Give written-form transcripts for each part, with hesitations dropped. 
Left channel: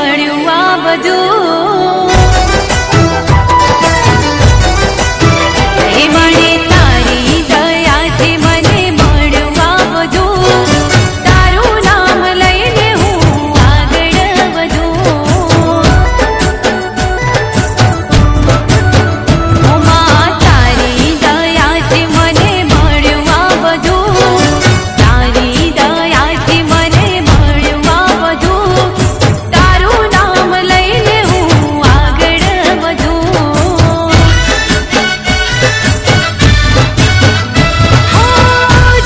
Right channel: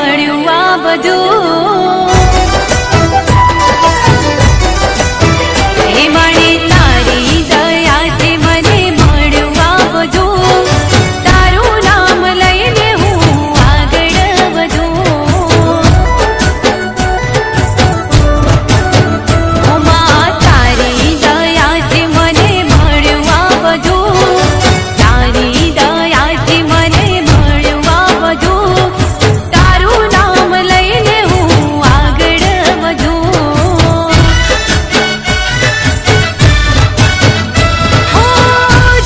મળ્યું આ બધું હે માણે તારી દયાથી મને મળ્યું આ બધું તારું નામ લઈને હું આગળ વધું ઓ માં તારી દયાથી મને મળ્યું આ બધું તારી દયાથી મને મળ્યું આ બધું તારું નામ લઈને હું આગળ વધું હો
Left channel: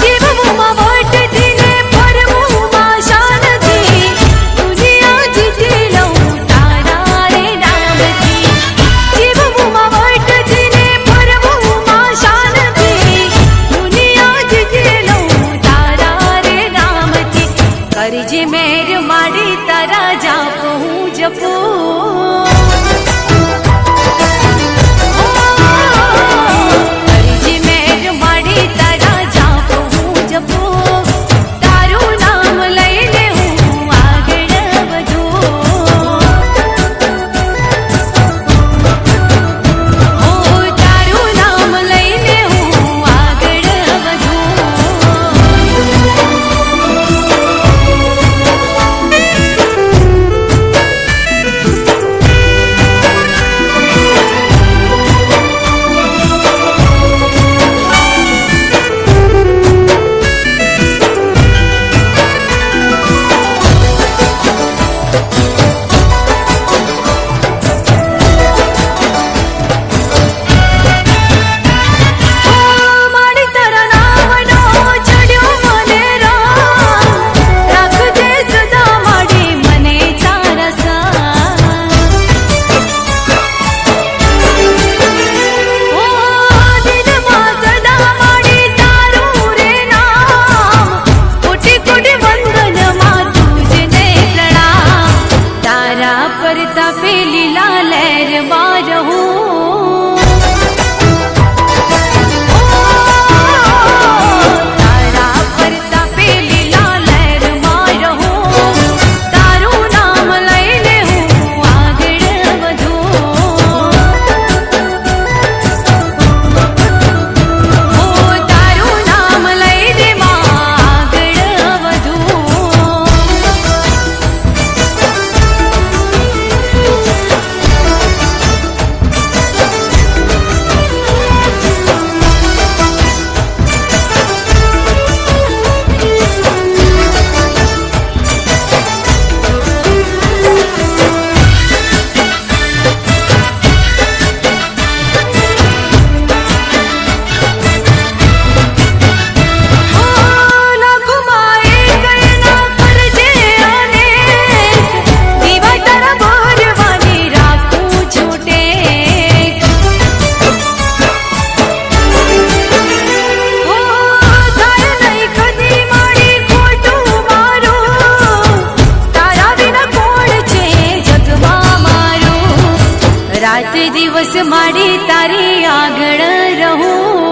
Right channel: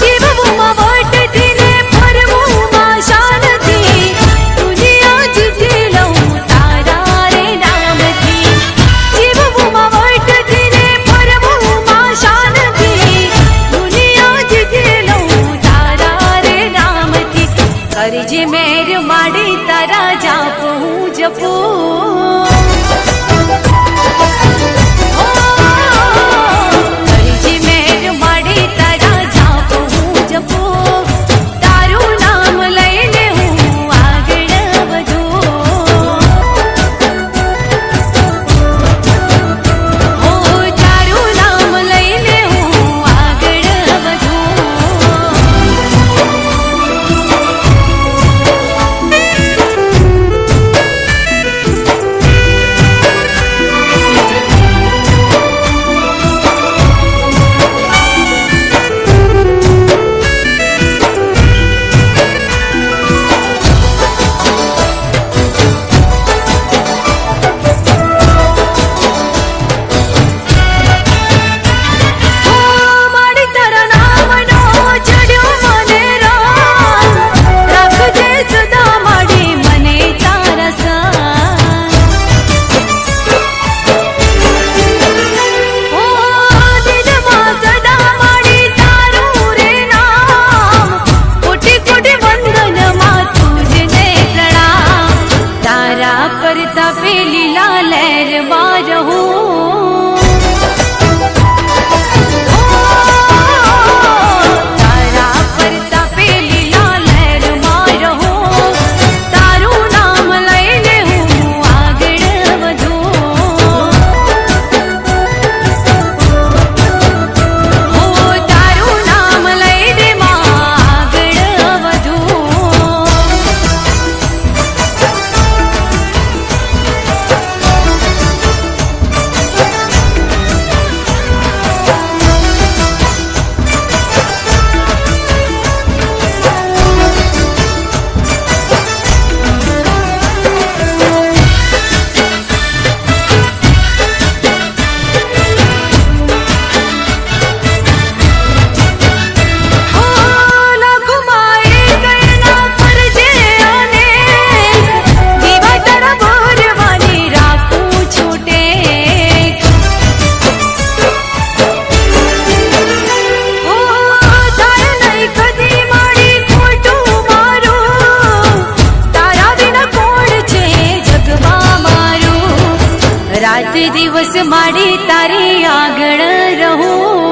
જીવવું માં વટથી ને ફરવું માં શાનથી દુનિયા જીતી લઉં તારા રે નામથી જીવવું માં વટથી ને ફરવું માં શાનથી દુનિયા જીતી લઉં તારા રે નામથી કરજે મેર માડી તારા જાપ હું જપું કરજે મેર માડી તારા જાપ હું જપું તારું નામ લઈને હું આગળ વધું હો તારું નામ લઈને હું આગળ વધું માડી તારા નામનો ચડ્યો મને રામ રાખજે સદા માડી મને તારા સંગ ઓ દિલમાં સદા માડી તારું રે નામ કોટી કોટી વંદનમાં તુજને પ્રણામ તારા પરતાપે લીલા લહેરમાં રહું તારા પરતાપે લીલા લહેરમાં રહું તારું નામ લઈને હું આગળ વધું હો તારું નામ લઈને માં આગળ વધું હો લાખોમાં એક એના કરજે અનેક દીવા તારા ભરવાની રાખું છૂટે હો થાય નહીં કદી માડી ખોટું મારું તારા વિના કોણ છે જગમાં મારું રાત દિવસ માડી તારી આગળ રહું